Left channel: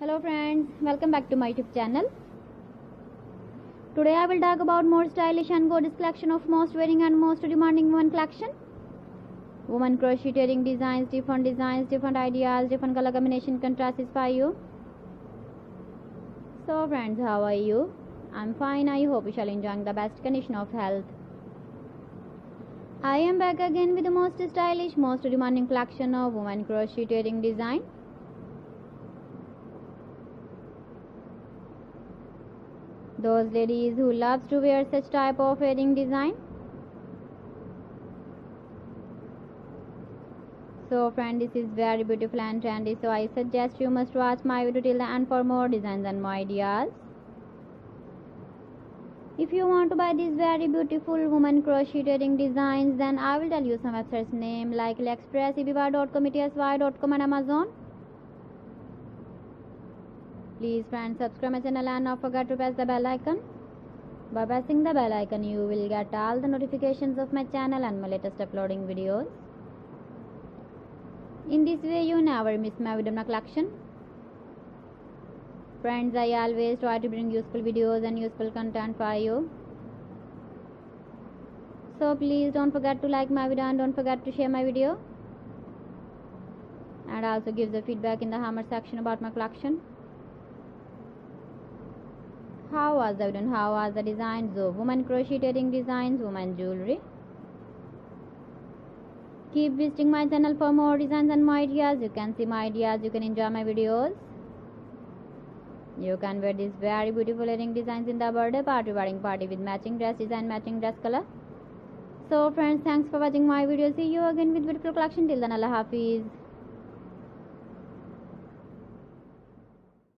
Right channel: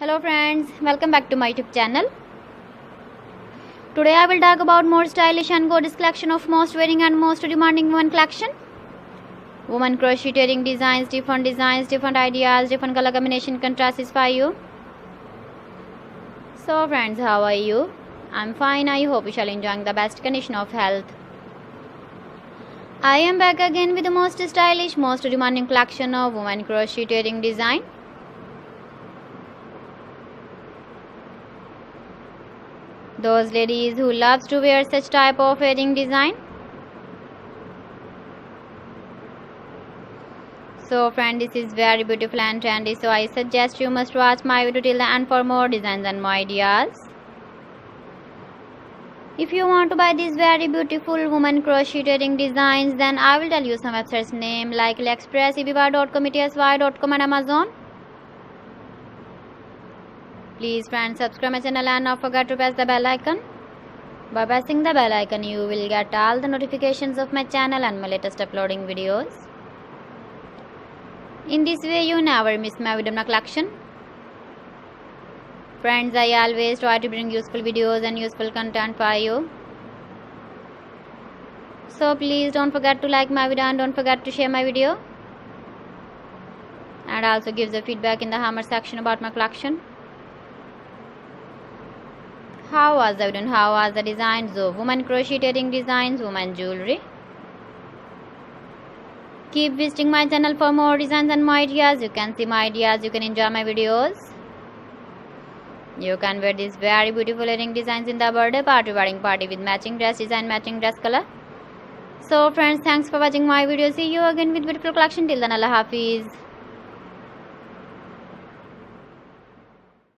Hello friends, welcome back to my YouTube channel. Today I will talk about more stylish and gorgeous collection of most wearing and most demanding women collection. Women crocheting designs, different ideas, different color combination contrasts for you. So friends, how are you? I'm fine. I hope you shall enjoying the best condition of health. I am back again with the most stylish, most demanding collection of women crocheting design. Those ladies who loves to wear such type of wedding design. So friend, this is very beautiful and trendy, so I suggest you must watch my video till the end for more designs and more ideas. If you want to buy these very beautiful woman crocheting designs, then I will tell you some websites name like AliExpress, eBay.com, ETSY.com and Amazon. Please friends, subscribe my channel and not forget to press the bell icon. By pressing the bell icon, you will get all the notifications of my channel and my latest uploading videos. In this way, you never miss my video collection. Friends, I always try to bring useful videos and useful content for you. So please don't forget to like my video and don't forget to share my video. And also give the feedback in the comment section about my collection. How was the video? How was the designs of women crocheting designs, women jewelry? Keep visiting my channel for more designs and more ideas. You can see my ideas, you can enjoy my videos. You can wear these very beautiful earring designs in the birthday party, wedding party with matching dress design, matching dress color. So friends, thanks for watching my video. See you again with beautiful collection. Till then, Allah Hafiz.